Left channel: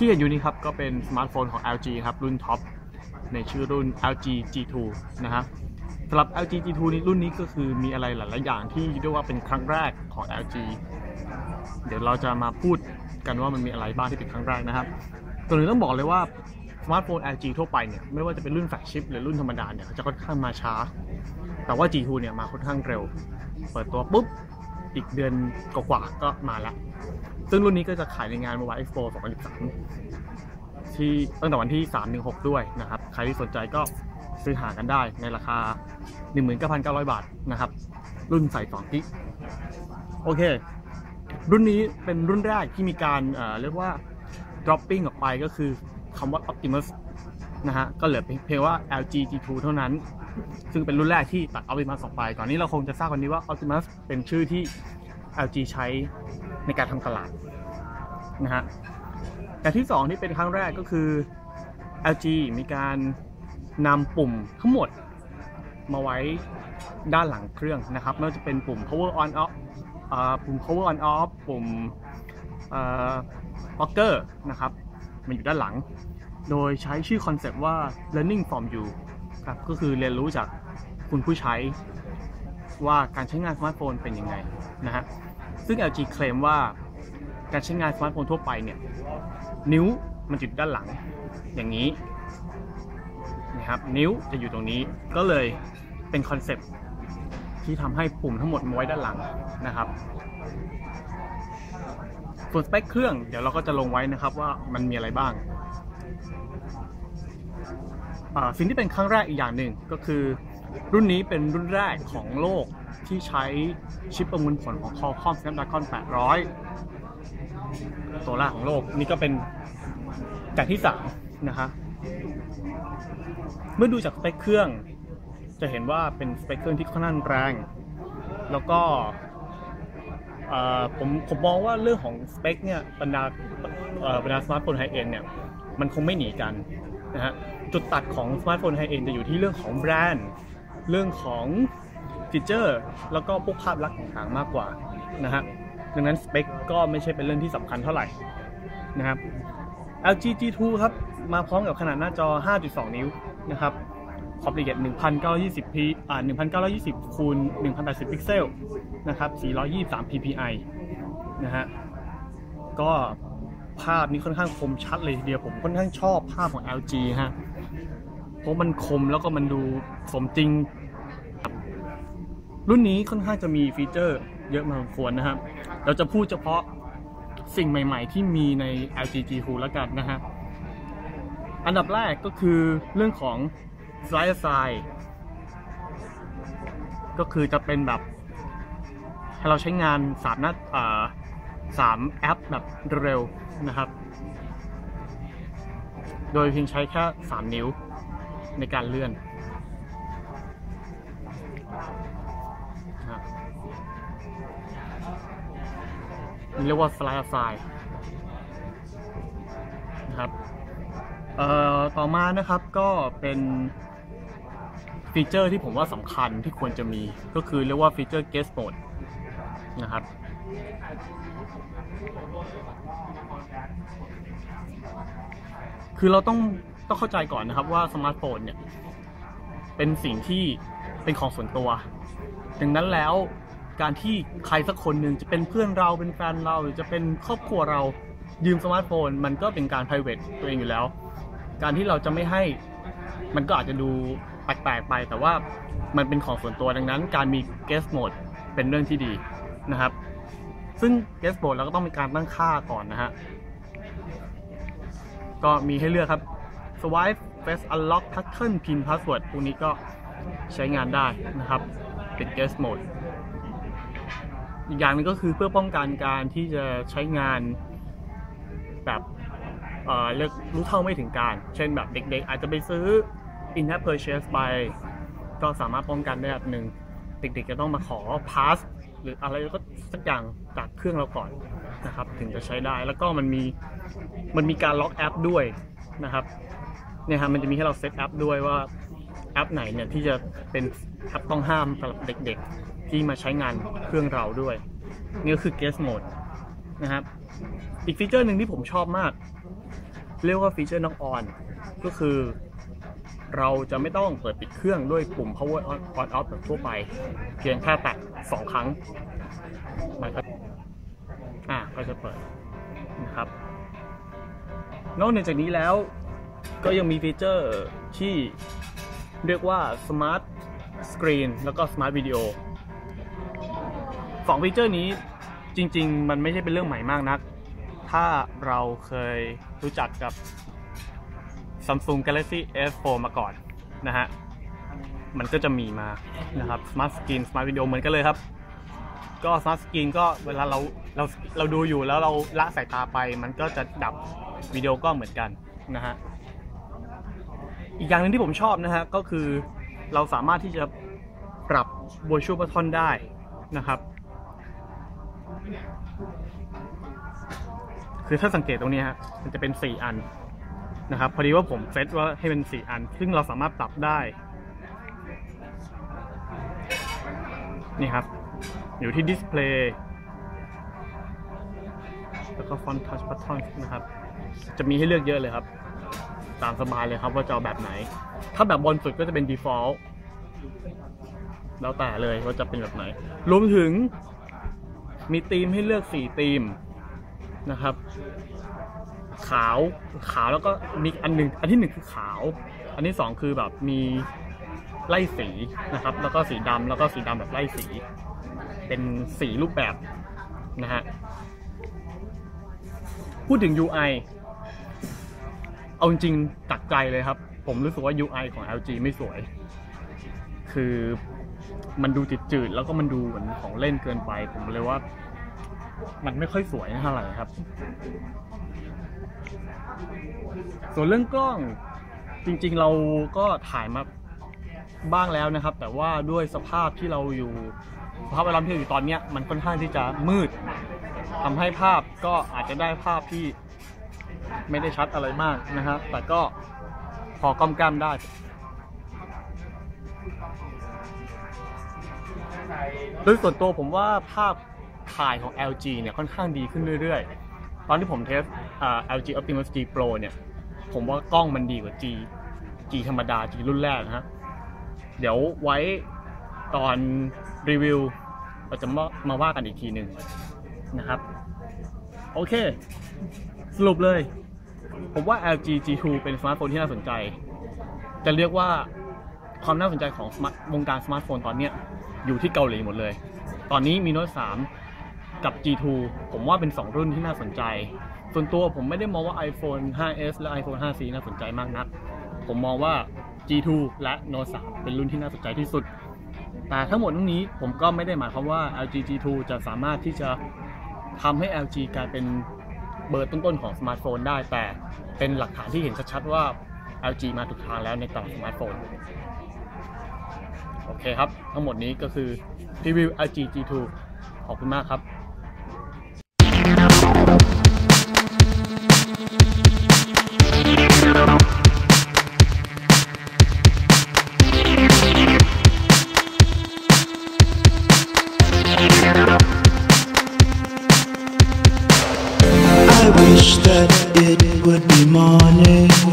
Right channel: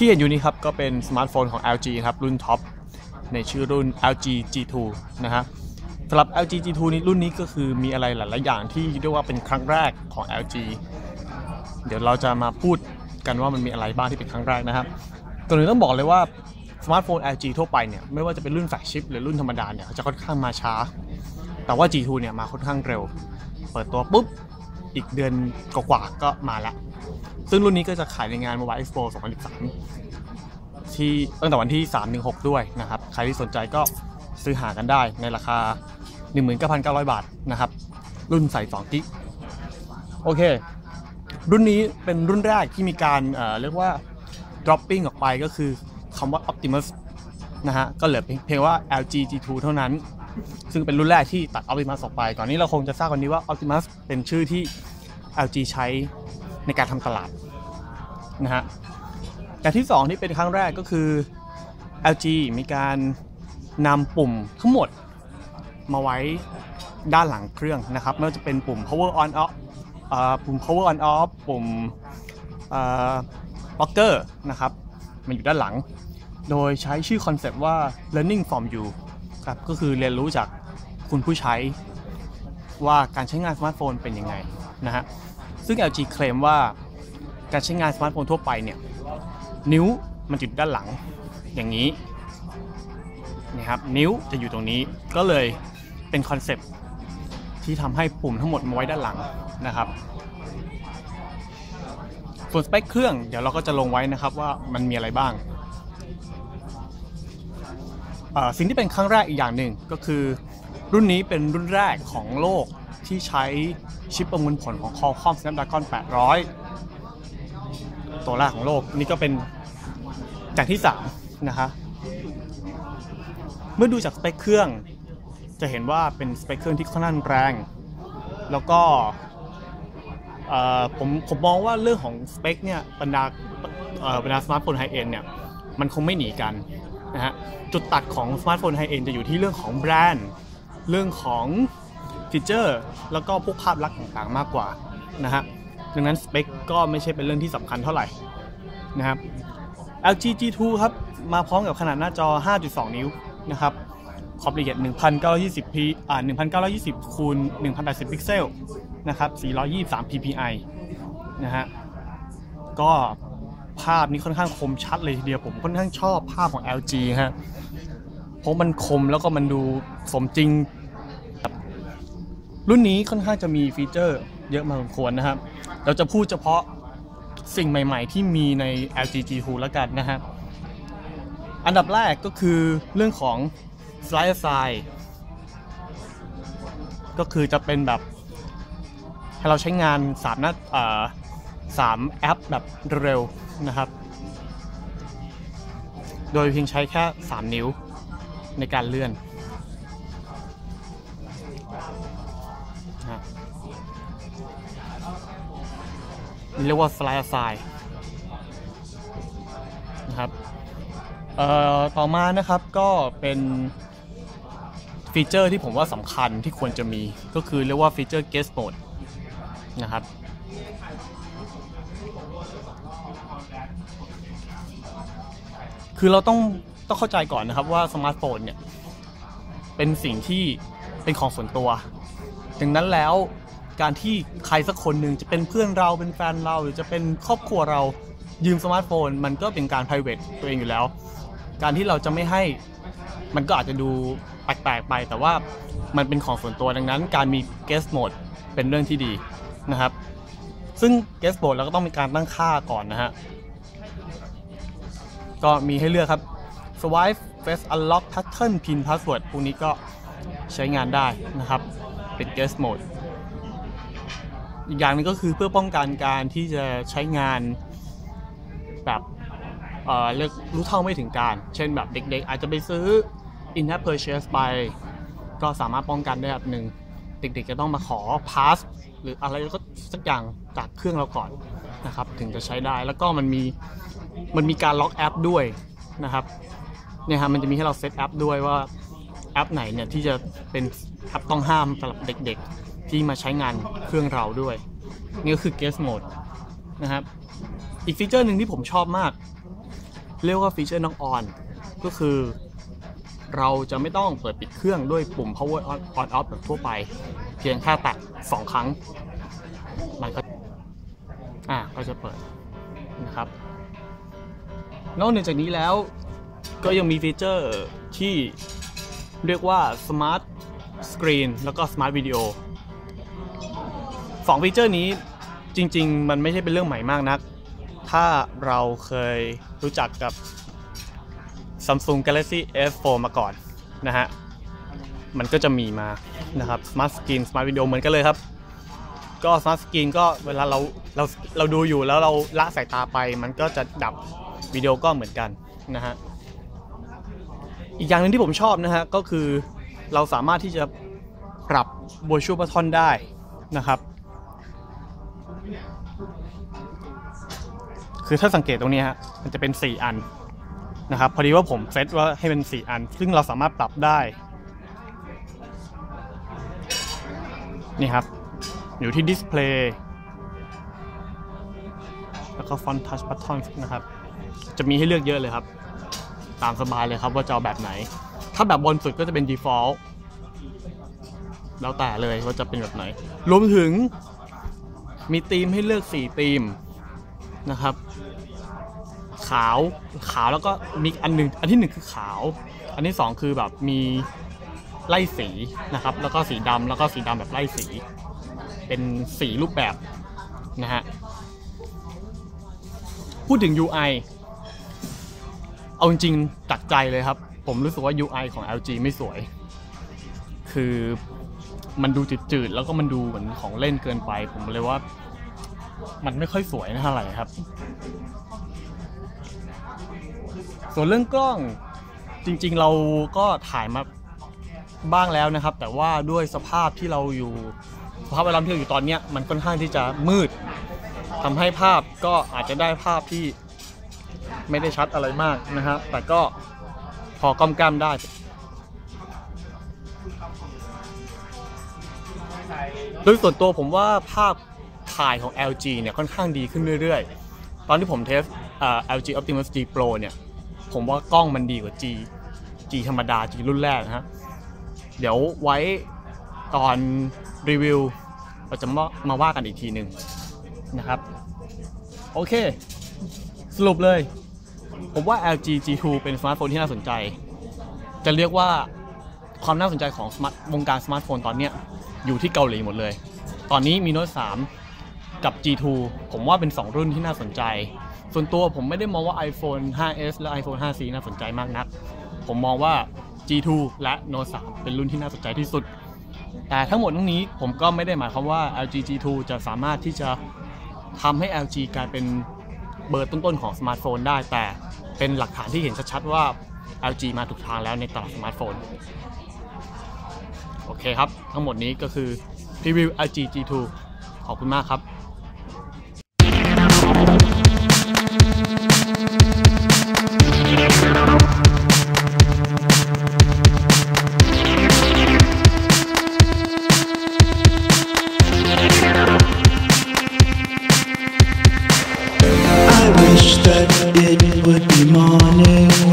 ที่เห็นอยู่นี้ครับก็เป็นสมาร์ทโฟนของ LG ครับรุ่นท็อปในชื่อรุ่น LG G2 นะฮะสำหรับ LG G2 นี้รุ่นนี้ก็คือมีอะไรหลาย ๆ อย่างที่เรียกว่าเป็นครั้งแรกของ LG เดี๋ยวเราจะมาพูดกันว่ามันมีอะไรบ้างที่เป็นครั้งแรกนะครับก่อนอื่นต้องบอกเลยว่าสมาร์ทโฟน LG ทั่วไปเนี่ยไม่ว่าจะเป็นรุ่นแฟลกชิพหรือรุ่นธรรมดาเนี่ยจะค่อนข้างมาช้า แต่ว่า G2 เนี่ยมาค่อนข้างเร็ว เปิดตัวปุ๊บอีกเดือนกว่าๆก็มาแล้ว ซึ่งรุ่นนี้ก็จะขายในงาน Mobile Expo 2013 ที่ตั้งแต่วันที่ 3-6 ด้วยนะครับ ใครที่สนใจก็ซื้อหากันได้ในราคา 19,900 บาทนะครับ รุ่นใส่2กิกโอเค รุ่นนี้เป็นรุ่นแรกที่มีการเเรียกว่า dropping ออกไปก็คือคำว่า Optimus นะฮะ ก็เหลือเพียงว่า LG G2 เท่านั้น ซึ่งเป็นรุ่นแรกที่ตัด Optimus ออกไป ก่อนนี้เราคงจะทราบกันนี้ว่า Optimus เป็นชื่อที่ LG ใช้ ในการทำตลาดนะฮะแต่ที่ 2 ที่เป็นครั้งแรกก็คือ LG มีการนำปุ่มทั้งหมดมาไว้ด้านหลังเครื่องนะครับไม่ว่าจะเป็นปุ่ม power on off ปุ่ม power on off ปุ่มอ่า rocker นะครับมันอยู่ด้านหลัง โดยใช้ชื่อคอนเซปต์ว่า learning from you ครับก็คือเรียนรู้จากคุณผู้ใช้ว่าการใช้งานสมาร์ทโฟนเป็นยังไงนะฮะ ซึ่ง LG เคลมว่าการใช้งานสมาร์ทโฟนทั่วไปเนี่ย นิ้วมันอยู่ด้านหลัง อย่างนี้นะครับ นิ้วจะอยู่ตรงนี้ก็เลยเป็นคอนเซปต์ที่ทำให้ปุ่มทั้งหมดมาไว้ด้านหลังนะครับ ส่วนสเปคเครื่องเดี๋ยวเราก็จะลงไว้นะครับว่ามันมีอะไรบ้าง สิ่งที่เป็นครั้งแรกอีกอย่างหนึ่งก็คือรุ่นนี้เป็นรุ่นแรกของโลก ที่ใช้ชิปประมวลผลของ Qualcomm Snapdragon 800 ตัวแรกของโลก นี่ก็เป็นจากที่สั่งนะคะเมื่อดูจากสเปคเครื่องจะเห็นว่าเป็นสเปคเครื่องที่ค่อนข้างแรง แล้วก็ผมผมมองว่าเรื่องของสเปคเนี่ยบรรดาเอ่อบรรดาสมาร์ทโฟนไฮเอ็นเนี่ยมันคงไม่หนีกันนะฮะจุดตัดของสมาร์ทโฟนไฮเอ็นจะอยู่ที่เรื่องของแบรนด์ เรื่องของ ฟีเจอร์แล้วก็พวกภาพลักษณ์ต่างๆมากกว่านะฮะดังนั้นสเปคก็ไม่ใช่เป็นเรื่องที่สำคัญเท่าไหร่นะครับ LG G2 ครับ มาพร้อมกับขนาดหน้าจอ 5.2 นิ้วนะครับขอบละเอียด 1920p อ่า 1920คูณ1080 พิกเซลนะครับ423 ppi นะฮะ ก็ภาพนี้ค่อนข้างคมชัดเลยทีเดียวผมค่อนข้างชอบภาพของ LG ฮะ เพราะมันคมแล้วก็มันดูสมจริง รุ่นนี้ค่อนข้างจะมีฟีเจอร์เยอะมากควรนะครับ เราจะพูดเฉพาะสิ่งใหม่ๆ ที่มีใน LG G2 แล้วกันนะฮะ อันดับแรกก็คือเรื่องของ Slide Aside ก็คือจะเป็นแบบ ให้เราใช้งานสามน้าอ่าสามแอปแบบเร็วนะครับ โดยเพียงใช้แค่ 3 นิ้วในการเลื่อน เรียกว่า Fly Aside นะครับเอ่อต่อมานะครับก็เป็นฟีเจอร์ที่ผมว่าสำคัญที่ควรจะมีก็คือเรียกว่าฟีเจอร์ Guest Mode นะครับคือเราต้องต้องเข้าใจก่อนนะครับว่าสมาร์ทโฟนเนี่ยเป็นสิ่งที่เป็นของส่วนตัว ดังนั้นแล้ว การที่ใครสักคนหนึ่งจะเป็นเพื่อนเราเป็นแฟนเราหรือจะเป็นครอบครัวเรายืมสมาร์ทโฟน มันก็เป็นการ p r i v a t ตัวเองอยู่แล้ว การที่เราจะไม่ให้มันก็อาจจะดูแปลกๆไป แต่ว่ามันเป็นของส่วนตัวดังนั้น การมี guest mode เป็นเรื่องที่ดีนะครับ ซึ่ง guest mode เราก็ต้องมีการตั้งค่าก่อนนะฮะก็มีให้เลือกครับ swipe face unlock pattern pin password พวกนี้ก็ใช้งานได้นะครับ เป็น guest mode อีกอย่างนึงก็คือเพื่อป้องกันการที่จะใช้งานแบบเอ่อเรียกรู้เท่าไม่ถึงการ เช่นแบบเด็กๆ อาจจะไปซื้อ in-app purchase ไป ก็สามารถป้องกันได้แบบหนึ่งเด็กๆจะต้องมาขอ pass หรืออะไรก็สักอย่างจากเครื่องเราก่อนนะครับ ถึงจะใช้ได้แล้วก็มันมีมันมีการล็อกแอปด้วยนะครับเนี่ยครับมันจะมีให้เราเซตแอปด้วยว่าแอปไหนเนี่ยที่จะเป็นแอปต้องห้ามสำหรับเด็กๆ ที่มาใช้งานเครื่องเราด้วย นี่ก็คือ guest mode นะครับ อีกฟีเจอร์หนึ่งที่ผมชอบมาก เรียกว่าฟีเจอร์น็อกออนก็คือเราจะไม่ต้องเปิดปิดเครื่องด้วยปุ่ม power on on off แบบทั่วไป เพียงแค่แตะ2 ครั้งมันก็อะก็จะเปิดนะครับ นอกนจากนี้แล้วก็ยังมีฟีเจอร์ที่เรียกว่า Smart Screen แล้วก็ Smart Video สองฟีเจอร์นี้จริง ๆ มันไม่ใช่เป็นเรื่องใหม่มากนัก ถ้าเราเคยรู้จักกับ Samsung Galaxy S4 มาก่อนนะฮะ มันก็จะมีมานะครับ Smart Screen Smart Video เหมือนกันเลยครับ ก็ Smart Screen ก็เวลาเราเราเราดูอยู่แล้วเราละสายตาไป มันก็จะดับวิดีโอก็เหมือนกันนะฮะ อีกอย่างหนึ่งที่ผมชอบนะฮะ ก็คือเราสามารถที่จะปรับ virtual button ได้นะครับ คือถ้าสังเกตตรงนี้ฮะมันจะเป็น 4 อันนะครับพอดีว่าผมเซตว่าให้เป็น 4 อัน ซึ่งเราสามารถปรับได้นี่ครับ อยู่ที่ display แล้วก็ font touch button นะครับ จะมีให้เลือกเยอะเลยครับ ตามสบายเลยครับว่าจะเอาแบบไหน ถ้าแบบบนสุดก็จะเป็น default แล้วแต่เลยว่าจะเป็นแบบไหน รวมถึงมีธีมให้เลือก 4 ธีม นะครับ ขาวขาวแล้วก็มีอันหนึ่งอันที่หนึ่งคือขาว อันที่สองคือแบบมีไล่สีนะครับ แล้วก็สีดำแล้วก็สีดำแบบไล่สี เป็นสีรูปแบบนะฮะพูดถึง UI เอาจริงตักใจเลยครับ ผมรู้สึกว่า UI ของ LG ไม่สวย คือมันดูจืดๆแล้วก็มันดูเหมือนของเล่นเกินไป ผมเลยว่า มันไม่ค่อยสวยเท่าไหร่ครับ ส่วนเรื่องกล้องจริงๆเราก็ถ่ายมาบ้างแล้วนะครับ แต่ว่าด้วยสภาพที่เราอยู่สภาพแวดล้อมที่เราอยู่ตอนเนี้ยมันค่อนข้างที่จะมืดทำให้ภาพก็อาจจะได้ภาพที่ไม่ได้ชัดอะไรมากนะครับ แต่ก็พอกำกำได้โดยส่วนตัวผมว่าภาพ ถ่ายของ LG เนี่ยค่อนข้างดีขึ้นเรื่อยๆ ตอนที่ผมเทส LG Optimus G Pro เนี่ย ผมว่ากล้องมันดีกว่า G G ธรรมดา G รุ่นแรกนะฮะ เดี๋ยวไว้ตอนรีวิวเราจะมามาว่ากันอีกทีหนึ่งนะครับ โอเค สรุปเลย ผมว่า LG G2 เป็นสมาร์ทโฟนที่น่าสนใจ จะเรียกว่าความน่าสนใจของวงการสมาร์ทโฟนตอนนี้อยู่ที่เกาหลีหมดเลย ตอนนี้มีโน้ต3 กับ G2 ผมว่าเป็น 2 รุ่นที่น่าสนใจ ส่วนตัวผมไม่ได้มองว่า iPhone 5s และ iPhone 5c น่าสนใจมากนัก ผมมองว่า G2 และ Note 3 เป็นรุ่นที่น่าสนใจที่สุด แต่ทั้งหมดทั้งนี้ผมก็ไม่ได้หมายความว่า LG G2 จะสามารถที่จะทำให้ LG กลายเป็นเบอร์ต้นๆของสมาร์ทโฟนได้ แต่เป็นหลักฐานที่เห็นชัดๆว่า LG มาถูกทางแล้วในตลาดสมาร์ทโฟน โอเคครับ ทั้งหมดนี้ก็คือรีวิว LG G2 ขอบคุณมากครับ that it would be morning